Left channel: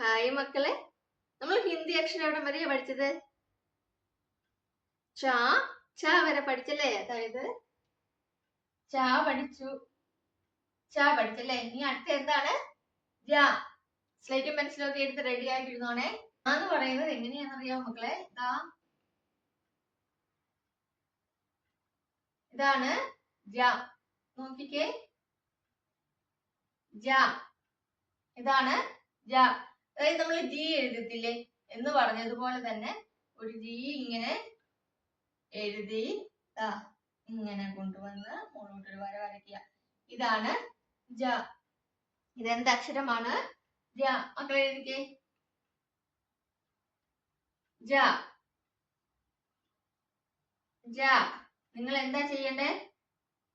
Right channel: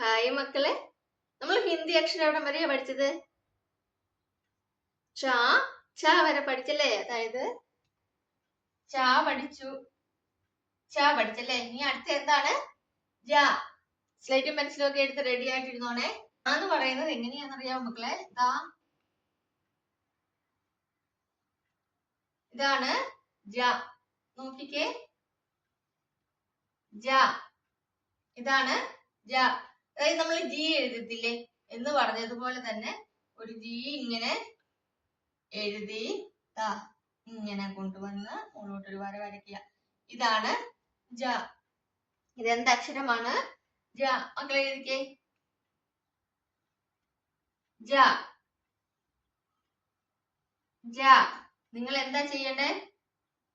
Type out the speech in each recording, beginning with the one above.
Hi മക്കളെ, നമ്മൾ ഹിന്ദി അക്ഷരം എവിടെ വരെയാ പഠിച്ചത്? ച ച വരെ പഠിച്ചല്ലേ? അതായത് ച പഠിച്ചല്ലേ? ഇനി അടുത്ത എന്താണ്? ജ. സ്ലേറ്റും പെൻസിലും ഒക്കെ എടുത്ത് റെഡി ആയിട്ടിരുന്നോണേ. എന്ന് പറയുന്നത് എങ്ങനെയാണെന്നറിയാമോ മക്കളെ? ഇതാണ് ജ. നോക്കിക്കേ, ജ. ഇതാണ് ജ. അതായത് നമ്മൾ ജി എഴുതത്തില്ലേ എന്ന് പറഞ്ഞതുപോലെ തന്നെ ഒരു ജി ഇങ്ങനെ എഴുതി ഇങ്ങനെ കൊണ്ടുവന്ന് മുകളിലോട്ടൊരു വര വരയ്ക്കുക. ഇതാണ് ജ. ഇതെന്ത് അക്ഷരമാണ്? ജ. മക്കളെ എഴുതിക്കേ, ജ. ജ. നിങ്ങൾ എന്താ ചെയ്യണ്ടേ?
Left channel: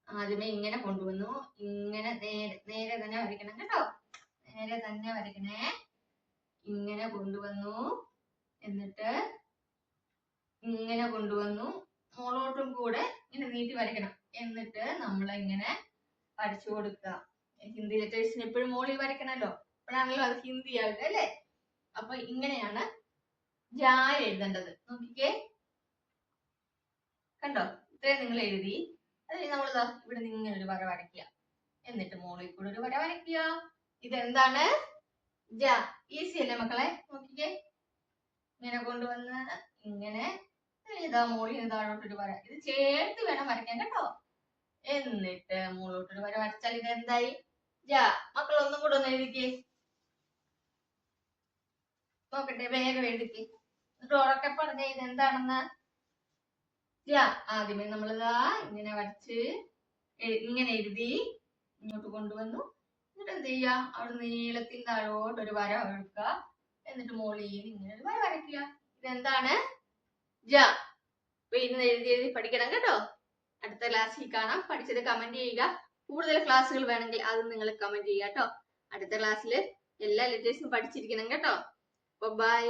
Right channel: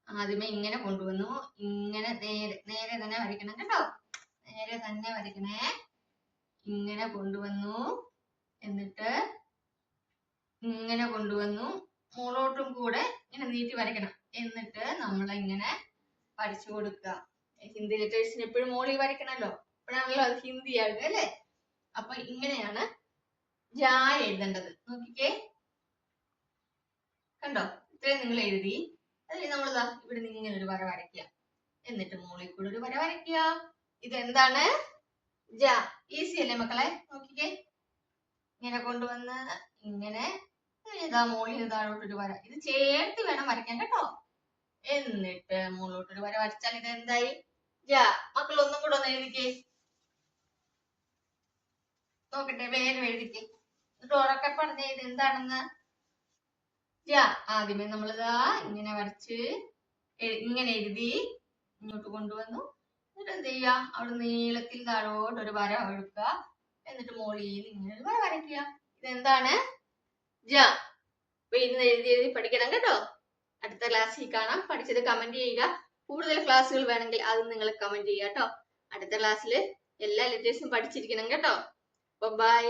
ആദ്യമേ ഇങ്ങനെ കൊണ്ടുവന്നു, ഇങ്ങനെ നേരെ തന്നെ വരയ്ക്കണം കേട്ടോ. നേരെ തന്നെ വരയ്ക്കണേ. ഇങ്ങനെ കൊണ്ടുവന്നു, എന്നിട്ട് ഇങ്ങനെ കൊണ്ടുവന്നു, മുകളോട്ടും കൂടെ ഇങ്ങനെ നീട്ടി വരയ്ക്കണം. എന്നിട്ട് നമ്മൾ ഇങ്ങനെ വരച്ചു കൊടുക്കുക. ഹിന്ദി ലെറ്റേഴ്സിന് എപ്പോഴും മുകളിൽ വരയ്ക്കണല്ലോ, അപ്പോഴാണല്ലോ അത് ഹിന്ദി ആവുക അല്ലേ? അപ്പൊ ഇങ്ങനെയാണ് ജ എഴുതേണ്ടത്. നോക്കിക്കേ, കണ്ടോ? ഇത്രയും നിങ്ങൾ എഴുതി. അതിൽ നമ്മൾ ഇവിടെ നിന്ന് ഇങ്ങനെ ഒരു വര വരയ്ക്കുക, എന്നിട്ട് മുകളിൽ കൂടെ ഒരു വര വരയ്ക്കുക. ഇതെന്താണ്? ജ. ഈസി അല്ലേ മക്കളെ? നോക്കിക്കേ, ഇങ്ങനെ കൊണ്ടുവന്ന് ഇങ്ങനെ മുകളിൽ താഴോട്ടൊരു വര. ഇത് ചേർത്ത് വേണം വരയ്ക്കാൻ കേട്ടോ. എന്നിട്ട് മുകളിലോട്ടൊരു വര വരച്ചാൽ ഇത് എന്തായി? ജ. മക്കൾ ഒന്നും കൂടെ ഒന്ന് എഴുതിക്കേ, നോക്കട്ടെ, വേഗം എഴുതിക്കേ. എന്നിട്ട് ഉറക്കെ പറഞ്ഞ ഇത് എന്താണെന്ന്. ജ. ആദ്യമേ നമ്മളിതാ ഇങ്ങനെ വരച്ച് ഇങ്ങനെ എഴുതി ഇങ്ങോട്ട് കൊണ്ടുവന്നു. എന്നിട്ട് എന്ത് ചെയ്യുക? അവിടെ നീളത്തിൽ താഴോട്ട് ഒരു വര ഒഴുക്കുക, എന്നിട്ട് മുകളിൽ ഇങ്ങനെ ഒരു വര വരയ്ക്കുക. ഇതെന്താണ്? ജ. അപ്പൊ ഇന്ന് എഴുതി പഠിക്കണം കേട്ടോ. അടുത്ത ക്ലാസ്സിൽ കാണാം. പഠിച്ചത് കമന്റ് ചെയ്യുക. കൂടുതൽ ക്ലാസ്സുകൾ വേണമെങ്കിൽ അത് നിങ്ങൾ കമന്റ് ചെയ്യുക കേട്ടോ. അടുത്ത ക്ലാസ്സിൽ എല്ലാ ലെറ്റേഴ്സും പഠിച്ചിരിക്കണം കേട്ടോ. ബൈ.